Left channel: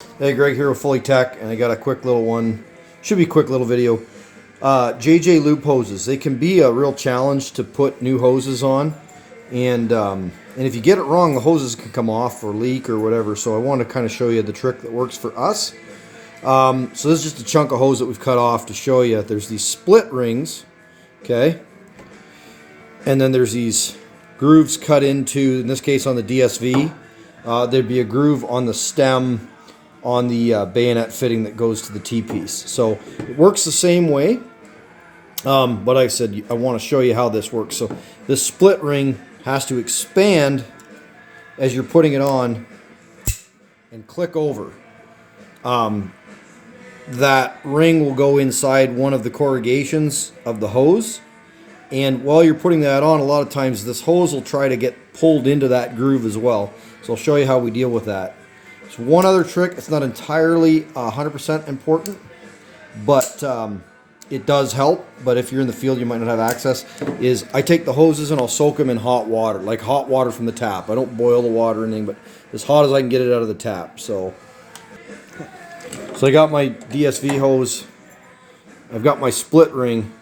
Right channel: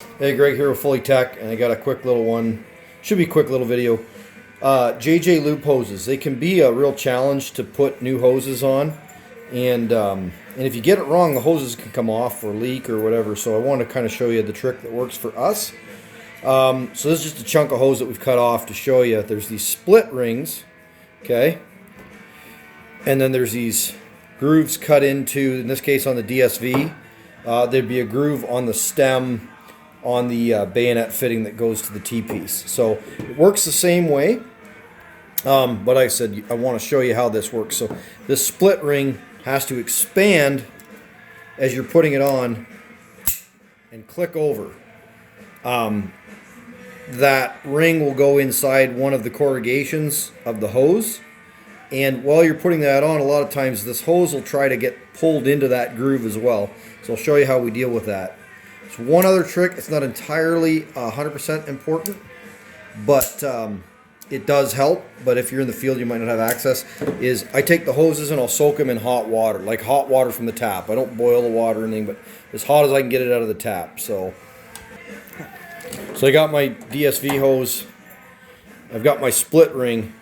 Hey, Greg here with Fully Tech, and I got a quick little one. Should be a quick little video. JJ loop hoses. They can be a real challenge to put new hoses on, and if you get it wrong, the hoses can come off or leak or whatever. So I want to kind of show you the trick that works for us. So this is just a chunk of hose that we've cut off to show you. There's these split rings, okay, and then there's these grooves cut into. In this case, on the DSV, there'd be a groove on the stem on the bayonet fitting that goes to the T-piece. So it works the same way, but like I said, I want to show you how this works. So this split ring has to expand as you're putting it on and click over. That ring will go inside one of the corrugations of the hose, and while you're putting that on, a lot of times this hose will try to get pulled into that groove as well. So I'll show you how we deal with that. So one other trick, it's not entirely 100% important, but it does help. But if you're in the field, you might not have access, is I take the hoses and I'll soak them in hot water, like hot water from the tap. I don't boil the water or anything, but as hot as I can get it out of the tap. So I got my DSV hose, I've got my split ring,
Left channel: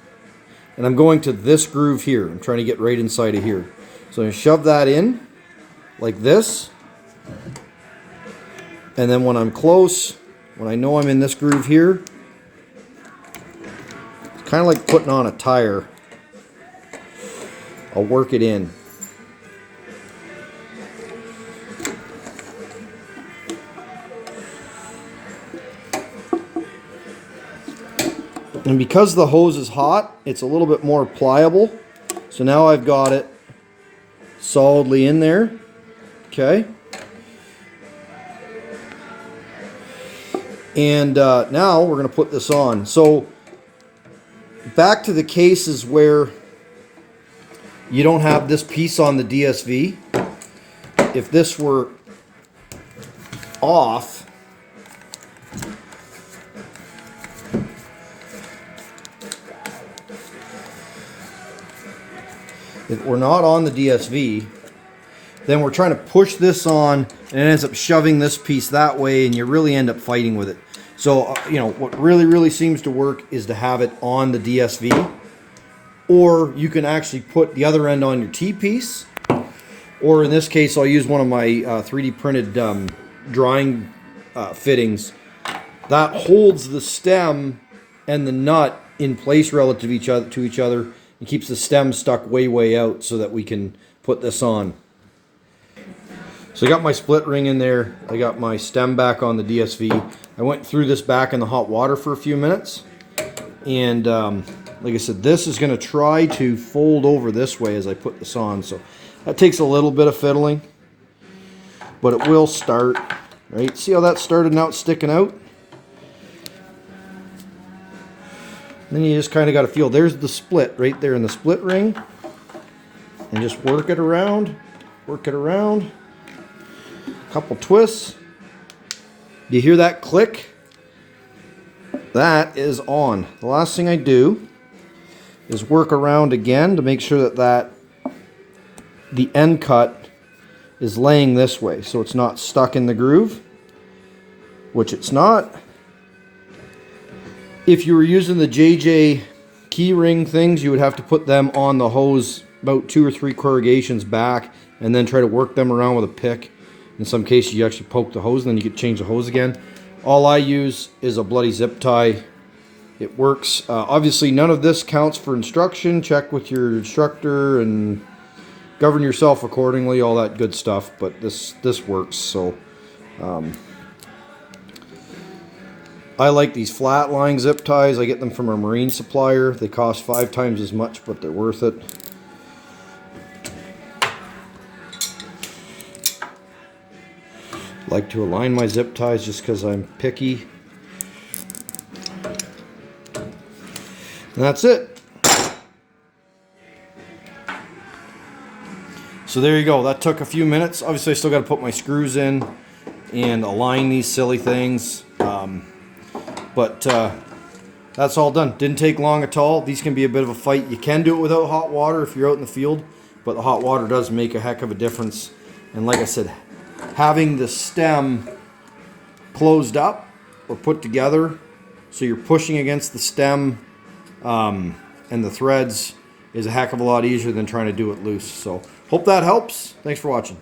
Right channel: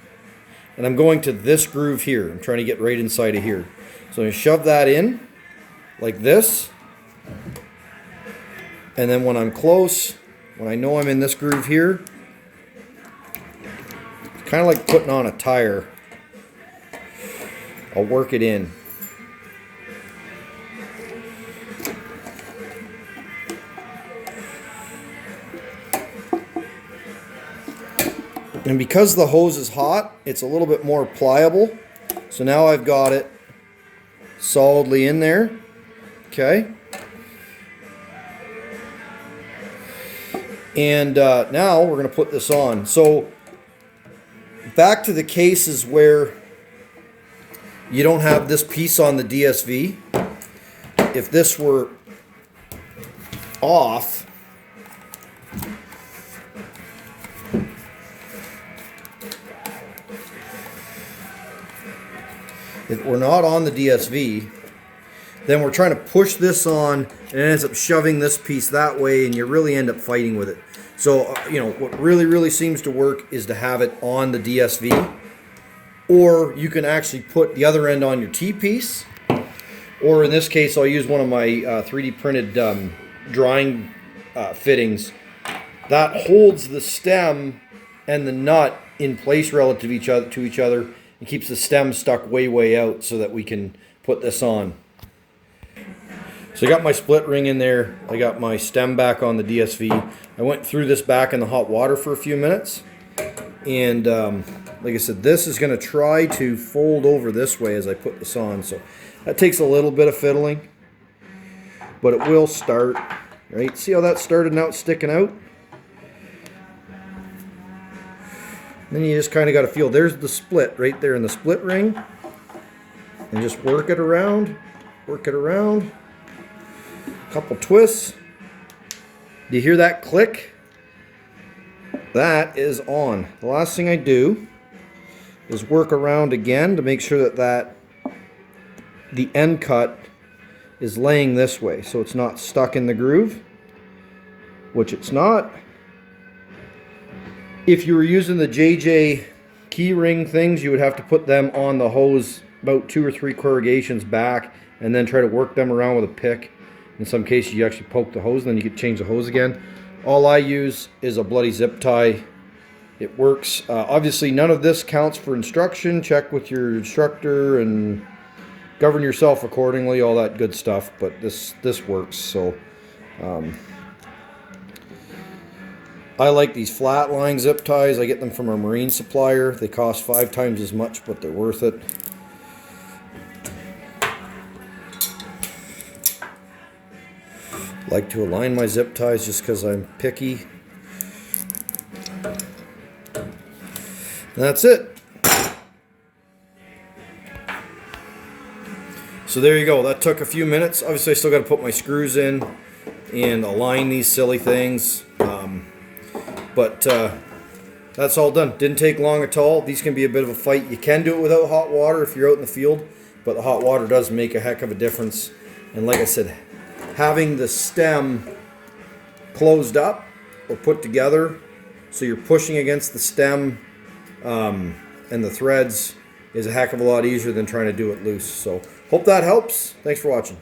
and I'm going to this groove here. I'm trying to get right inside of here. So I'm going to shove that in like this. And then when I'm close, when I know I'm in this groove here, it's kind of like putting on a tire. I'll work it in. And because the hose is hot, it's a little bit more pliable. So now I've got it solidly in there. Okay. And now we're going to put this on. So back to the cases where you don't have this piece on the DSV. If this were off, if we're not on the DSV, then we're trying to push this on and it ends up shoving this piece that way, and you really end up fighting with it. So, what really seems to work is to have it on the DSV, or you can actually put the other end on your T-piece, or in this case, I'll use one of my 3D printed drawing fittings that holds the stem and the nut in place relative to each other and keeps the stem stuck way out so that we can put this on. So I got my split ring in there. I got my stem back on the DSV. I went through this back in the hot water for a few minutes. And like I said, this is going to try to fold over this way as I put this on. So that takes a little bit of fiddling, but it will start. Right? See how that started? Now it's sticking out. Then you just kind of got to feel. There's the split right there in the split ring. And just work it around. Work it around. Couple twists. Do you hear that click? That is on. The last thing I do is work around again to make sure that the end cut is laying this way, so it's not stuck in the groove, which it's not. If you were using the JJ key ring things, you would have to put them on the hose about 2 or 3 corrugations back and then try to work them around with a pick. In some cases, you actually poke the hose and then you could change the hose again. All I use is a bloody zip tie. It works. Obviously, none of this counts for instruction. Check with your instructor and govern yourself accordingly, all that good stuff. But this works. So I like these flat line zip ties. I get them from a marine supplier. They cost 5 times as much, but they're worth it. Like to align my zip ties just because I'm picky. And that's it. So there you go. That took a few minutes. Obviously, I still got to put my screws in and align these silly things. But that's all done. Didn't take long at all. These can be a bit of a fight. You can do it without hot water if you're out in the field, but the hot water does make a heck of a difference. And like I said, having the stem closed up or put together, so you're pushing against the stem and the threads, is a heck of a lot easier than trying to do it loose. So hope that helps. Thanks for watching.